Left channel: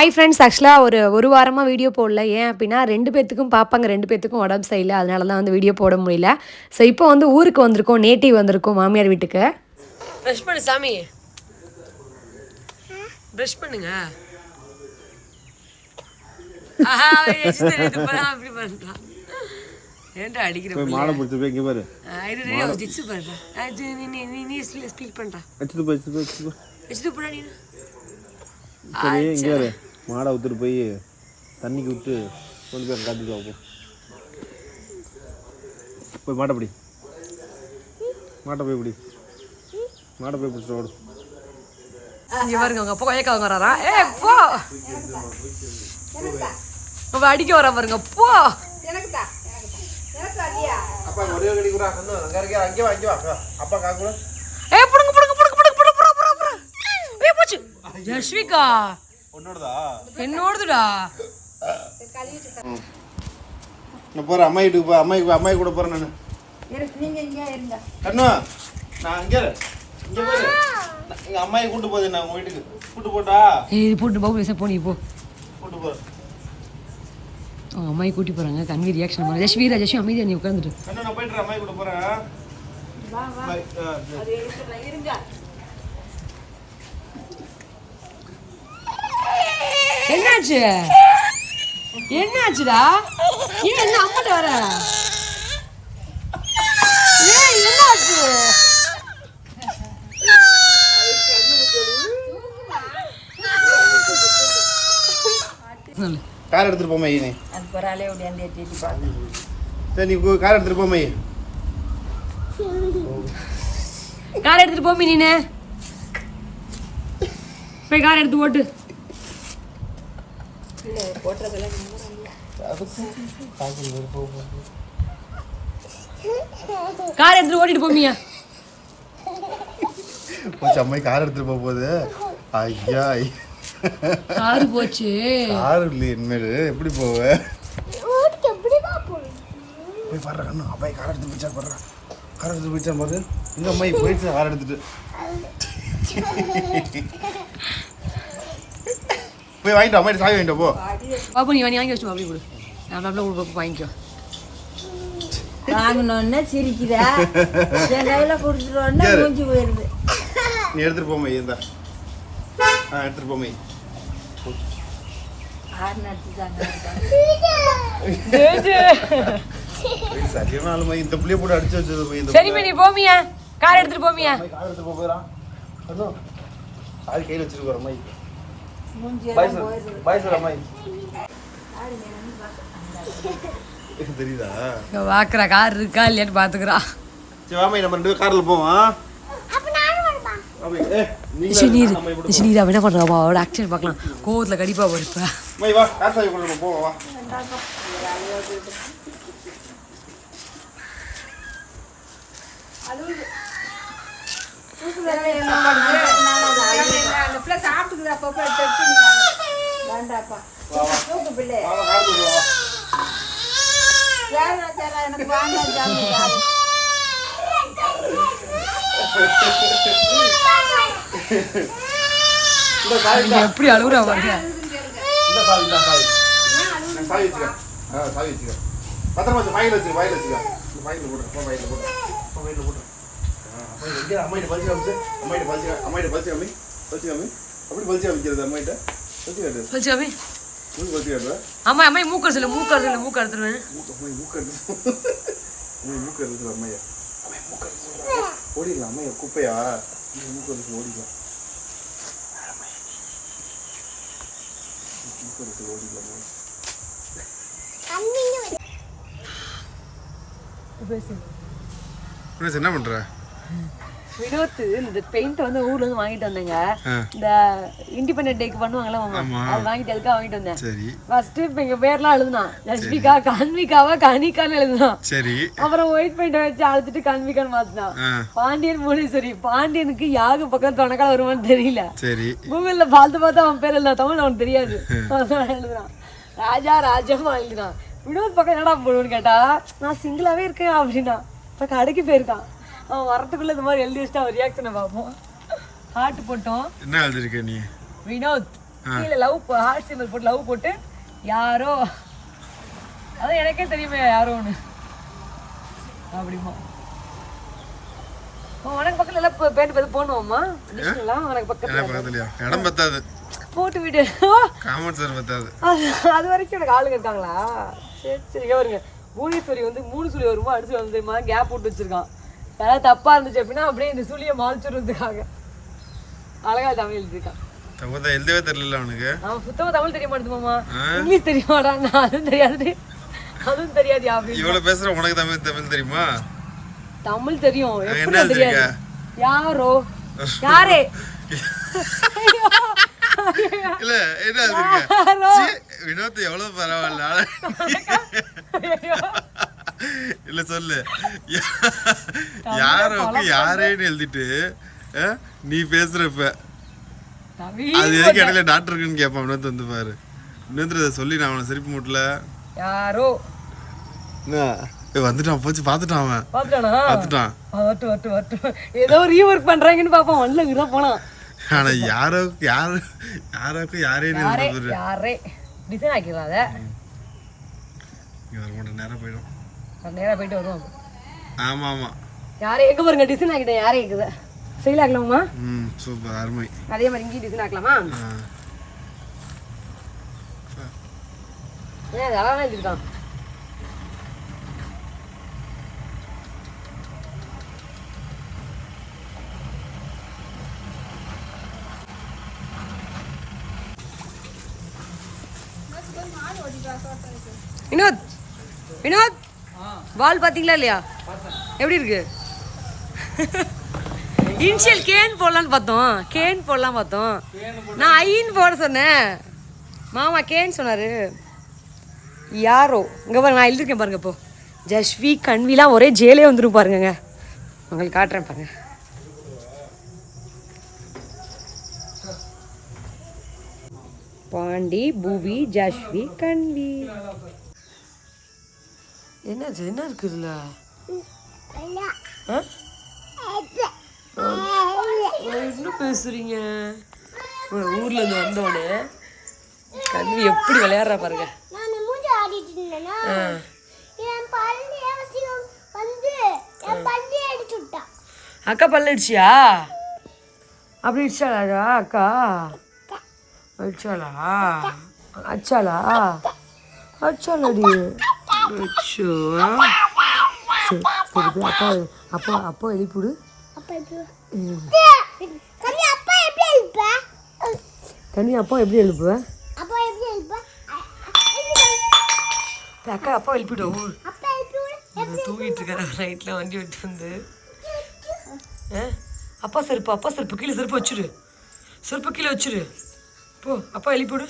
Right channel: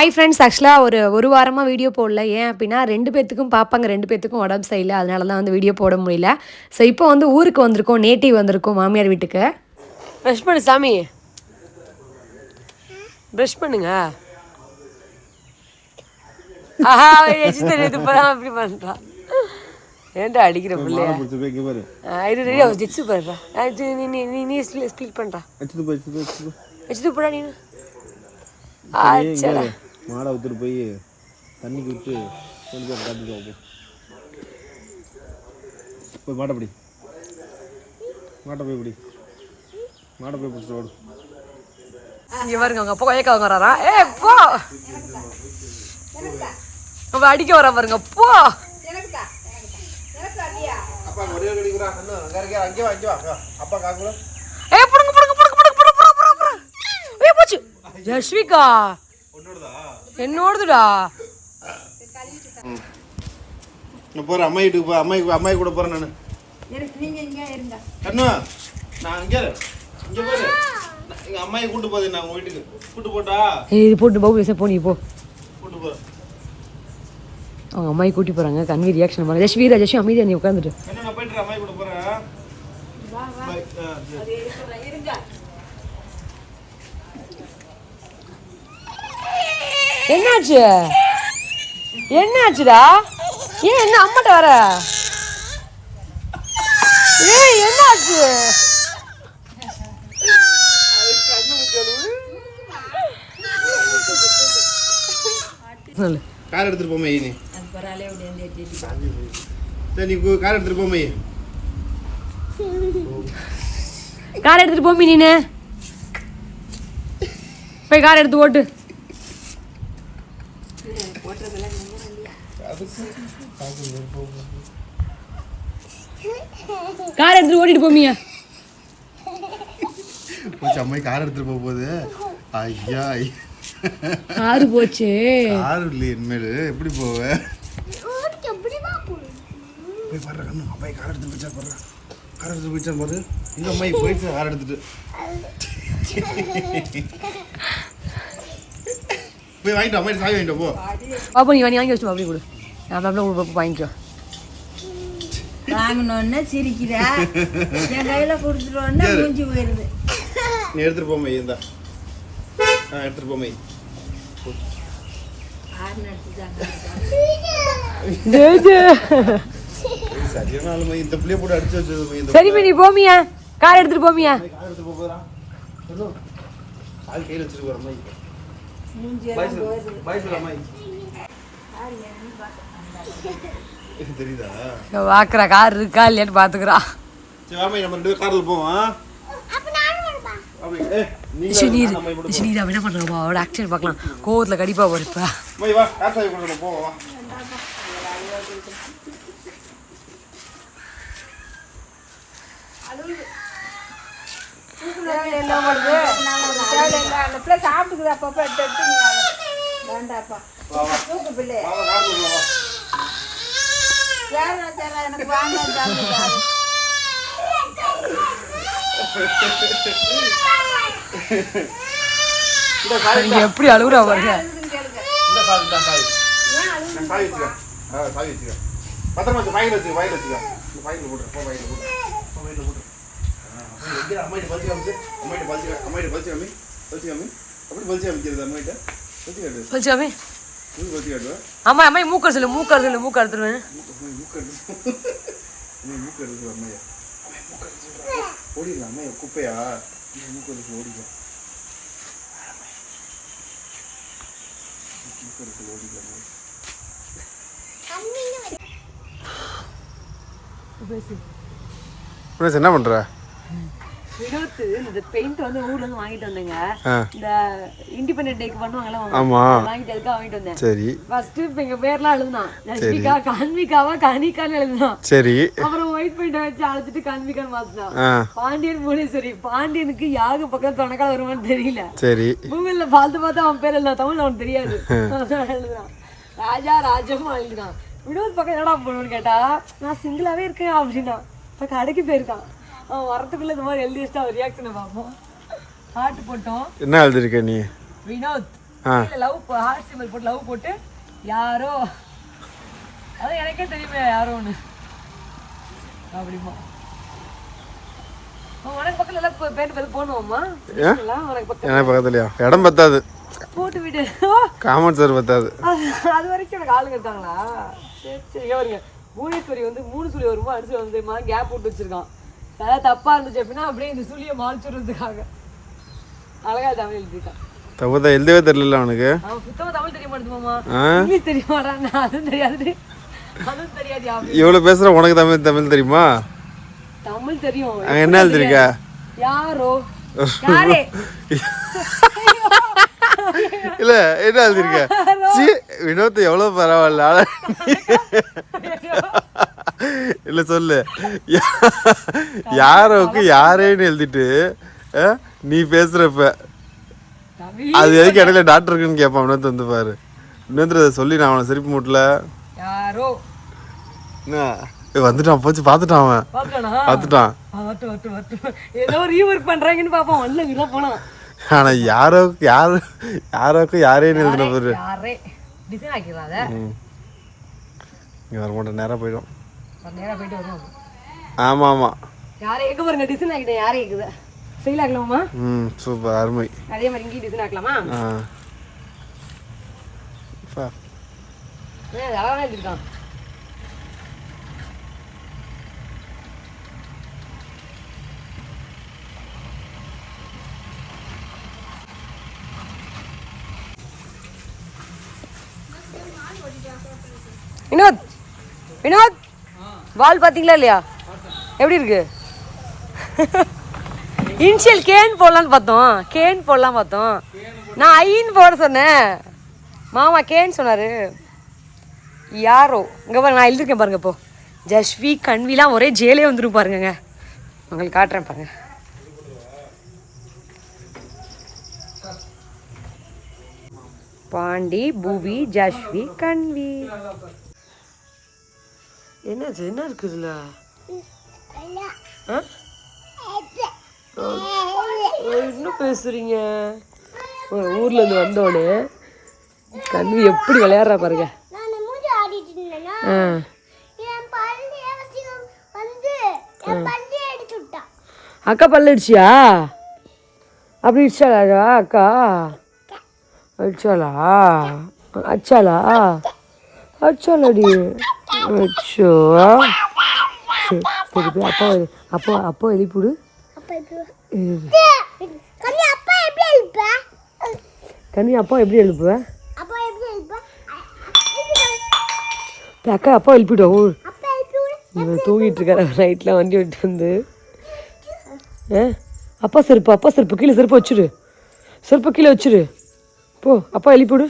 Hi friends ஆக்சுவலாக ஒரு ஒரு வாரமாக வீடியோ போடல. ஏன் அப்படின்னா ரெண்டு பேத்துக்கும் பாப்பாங்க ரெண்டு பேத்துக்கும் உடம்பு சரியில்லை. அதனால தான் வந்து வீடியோ போட முடியல. ஸோ இப்போ வந்து ஊருக்கு வந்திருக்கோம் நேட்டிவ் வந்திருக்கோம் மாமியார் வீட்டுக்கு. ப்ரஷ் பண்ணு சாமி. ப்ரஷ் பண்ணுங்க. ஏன்டா அடிக்கிற மாலை பிடிச்சி போய் இங்கே பாரு. இது பாருடா நீ நீ நீ ஸ்பிளிட் பண்றா. வச்சுட்டு போய் வச்சுட்டு போய் வச்சுட்டு போய் வச்சுட்டு போடா நீ சரி. மாடை விட்டுட்டு போய் தண்ணிக்கு விட்டு கொண்டு போய் காட்டிட்டு வைப்போம் போய் மாட்டை பிடி. மாட்டை போய் பிடி. மாட்டை போய் பிடிச்சிட்டு ஓடும் இங்கே பாருங்க அவங்க அப்பா கொயக்காவங்க வராரா? ஏ போ! அவ அடிக்க வரா பாருங்க போ! ஜஸ்விகா என்னோடதுடா? நான் போகிறேன் அம்மா வீட்டுக்கு போ அம்மா அம்மா கூட போகிறேன் நான். கண்ணு நான் இங்கே இங்கே எங்கள் அம்மாயை கூட்டு போகுது நான் உங்கள் வீட்டுக்கு? கூட்டு போட்டா? ஏய் போட்டு போ பேச போ நீ போ. கூட்டு போகிறேன் அவங்க அம்மாயை கூட்டி போறாங்க கன்வி ரியாக்ஷன் பண்ண ஜஸ்வி ஜஸ்வி அமைதியா நீ உட்காந்துட்டு நான் போயிட்டு அம்மாயை கூட போகிறேன் பாய் ஆ சரி. என்னாச்சு? என்னாச்சுடா? ஏன் என்ன அம்மாட்ட வர? ஏய் என்னாச்சு? சொல்லு கார் எடுத்துட்டு போமா நீ சரி நீ கார் எடுத்துட்டு போமா கார் எடுத்துட்டு போமி நீனு போய் கார் எடுத்து ஓட்டு. கார் எடுத்துட்டு ஓட்டிட்டு போமியா போச்சு அம்மாய் கார் எடுத்துட்டு போக போகுது ஐயா கார் போச்சு. கார் இல்லையே இனிமேல். எப்படி போவ? போய் பாடுற கண்ணு. அம்மாய் கார் எடுத்து போயிச்சா பாடுறா. கார் எடுத்து போயிச்சா பாரு எங்க அம்மாய் போயிடுச்சு கார் எடுத்துட்டு. போய் வாங்கிட்டு அம்மாயிட்ட சாவி வாங்கிட்டு போ. பாப்பா நீ வாங்கி வச்சு அப்படி கொடு. நான் அப்படியே வாங்கிக்கோ. வாங்கினோன்னே சிரிக்கிறா என் கையில கொடுத்துட்டோன்னே சரி. மூஞ்சி போயிருது. நீ எடுத்துட்டு போமா இந்தா. ஆ எடுத்துட்டு போமா நடிச்சுட்டாங்க சரியான இந்த புள்ளைய போட்டு அடிச்சு வச்சது இந்த சரிம்மா நீ போமியா? கார் எடுத்துட்டு போமியா? கார் எடுத்து போக போகிறான் சாவி கையில் வச்சுட்டு போகிற அம்மாய் மூஞ்சி பாய் எல்லாம் சார் போயிருது. பாய் சார் அம்மாய் தெரியுதா இங்க கார் இருக்கா இல்லையான்னு பாத்துக்கிறா சரி வாமா நம்ம ரெண்டு கார்ல போவோம் என்ன பண்றாமா அவளோட பார்க்கலாம் கோவத்துல கடிப்பா போறப்பா போவா தூக்கு பிள்ளை வா வா கார் கொண்டு வா வேற சேர எனக்கு சாவி நீங்க எப்படி அழுகுறா பாருங்க. இந்த சாவி இந்த சாவி. நான் சாவி வச்சுக்க. ஆ சாவி வச்சுக்க. பத்திரமா வச்சு வாயில் வச்சுக்க வாயில் வச்சுக்க. இந்த வாயில் போட்டுரு போ வாயில் போட்டுரு. போ வாயில் போட்டுரு. அம்மாயிட்ட பறிச்சு காமிச்சு அம்மாயிட்ட பறிச்சு அம்மாயிட்ட பறிச்சு காமி பறிச்சு காமி அப்படி பறிச்சு காமிக்கிறது அம்மாயிட்ட? பறிச்சு காட்டு அம்மா அம்மா மூக்க சொல்லு மூக்கர் சொல்லு மூக்கர் எடுத்துருவேன் மூக்கர் அம்மையா. ஓடிடலாம் அம்மையா குப்பையா? மூக்கர் ஓடிடலாம். மூக்கர் ஓடிடலாம் என்ன பண்ற? வினோத்து இந்த பெயிண்ட் வந்து ஊர்ல இருந்து வாங்கிட்டு வந்தேங்க. இந்த இண்டிபெண்டன்ட் டேக்கு பண்ணுவாங்கல்ல வாங்கிட்டு அதுக்காக வாங்கிட்டு வந்தேன்? சரி. ஃபர்ஸ்ட் இப்ப எங்க பேர்லாம் எழுதுனான் ரஷ்மிகா கான்விகாவா கானிகான்னு எழுதுனான் சரி. அப்புறம் ஒயிட் பெயிண்ட் வச்சு அழைச்சிட்டு கான்விகான்னு மாத்தினான் பாண்டியன் முனீஸ்வரி பாண்டியனுக்கு யாரு பக்கத்துல தொணக்கால வருமான்னு தெரியல. சரி. கூகுள்ல பார்த்து பார்த்து அவன் பேர் எழுதுனா தமிழ் அவனுக்கு தெரியாது. எழுதுனான் ராஜா ராஜமா எழுதுனான் வினோத் பக்கம் என்னடா போடுன்னு கேட்டா நான் சிங்கிளாவே இருக்கேன் அப்படின்னா. இப்ப கடைக்கு போயிருக்கான். அவன் வரத்துக்குள்ள இந்த மாதிரி எழுதி வச்சுட்டு அவன் ரியாக்ஷனை பார்ப்போம். ஹார்ட் போட்டோம். என்ன எழுதிருக்க நீ? வினோத். கீழே லவ் ஹார்ட் சிம்பிள் போட்டு லவ் போட்டு யாரோ? அதான் எனக்கே தெரியுமே யாரோ ஒன்று அப்படிமா. உனக்கு பக்கத்துல எல்லாம் பேண்ட் பார்த்து போடணுமா உனக்கு பக்கத்துல. பக்கத்துலையா? இடம் பத்தாது. போட்டு விடு. காமன் சார் பத்தாது. அது அது வரைக்கும் எனக்கு ஆளுங்க இருக்காங்களா? சரி சரி வருங்க பூனேஸ்வரி வந்து மூணு சுழி வருமா? அடிச்சு வந்து கேப் போட்டு வச்சிருக்கான். ஏதாவது தப்பா இருந்துச்சு அப்படின்னா அப்படியே இந்த சுழியை மாளிச்சுடுறதுக்காக அழகா தமிழ் எழுதிருக்கான் தப்பதா எழுதவே தெரியல அவனுக்கு. அவன் சுத்தமா தமிழ் தெரிய மாட்டேது மாமா. ஆ? இங்கிலீஷ் தெரியுமாடா நான் அதுவும் தெரியாது. அதுவும் தெரியாது இவ்வளோ பேசுகிற உனக்கு தமிழ் தமிழ் தெரியுமா? தமிழ் தெரியும். என்ன எழுதிருக்க? யாரோ? யாரே? இல்ல என்ன எழுதிருக்க வினோத் எவ்வளவு பரவாயில்ல. இல்ல சொல்லு. யாரோக்கு யாரேன்னு எழுதிட்டு நீ பேசுறப்ப. தமிழ் அது எதுக்கு இடையில டாக்டர் இருக்குன்னு கேட்பான் வினோத் வந்து பாரு. அதை சொல்லி நான் அவனை சிரிப்பு மூட்டல. யாரோ? வந்துட்டான் போச்சு பார்த்துட்டான் அவன். வட்டு ஏதோ ரீஒர்க் பண்றாங்கன்னு பாப்போம் ஒன்ல இதான் போனான் ஆனா யாரோ யாரு யாரோக்கு யாரே பாரு. யாரே. டிசைன் ஆக்கிடலாம் அதை. இங்க வர மாட்டேன் நேரா போயிடும். நேரா போயிட்டு வருவோம். ஆமா ஆமா யாரே எங்க பாருங்க டிசைன் ஆக்கிட்டேன் யாரே இருக்குது ஃபெயில் ஆக்கலாமா? ம் சூப்பர் அருமை. அதே மாதிரி இங்கேயும் டிசைன் ஆக்கலாமா? ஆ. அப்பா. ஏன் அது அழகாக எழுதிருக்கான் வினோத்! வினோத்! வால் பார்த்தீங்களா இல்லையா? எப்படி இருக்கு? இனிஷியல் கேன் போடலான்னு பார்த்தோம். கேன் போடலாம் பார்த்தோம். நான் ஐன்னு போட சொன்னேன். மாமா கேன் சொன்னார். யாரோ? இங்கே பாருங்க நான் எழுதிருக்கேன் பாருங்க இப்போ. ஜஸ்வி கண்விலாம் ஒரே ஜெயிலே வந்துரும் பாருங்க உங்களுக்கு காட்டுறேன் பாருங்க. பாண்டி பூவி ஜஸ்வி கண்வி என்னது என்ன இருக்குதுல இன்னும் ஆ? பேசுறீங்க? ஊர்லேருந்து ஊர்ல இருந்து வந்தோடனே கண்ணு எப்படி விளையாடுறா பாருங்க. அக்கா பல்ல அடிச்சியா அப்படி இடிச்சாளா அக்கா? அடிச்சாளா அடிச்சாளா அச்சாலடி சரி சரி போய் அப்பா அப்பா அப்பா எழுப்பிடு அப்பா கண்ணி அப்பா எப்படி போய் அக்கா அப்பா எழுப்பிட்டோம் இவன் தூங்கிட்டு இருக்காரு நைட்லாம் வண்டி விட்டு வந்து. அப்பா செருப்பு அப்பா செருப்பு கீழே செருப்பு வச்சுடு செருப்பு கீழே வச்சுடு போ அப்பா எழுப்பிவிடு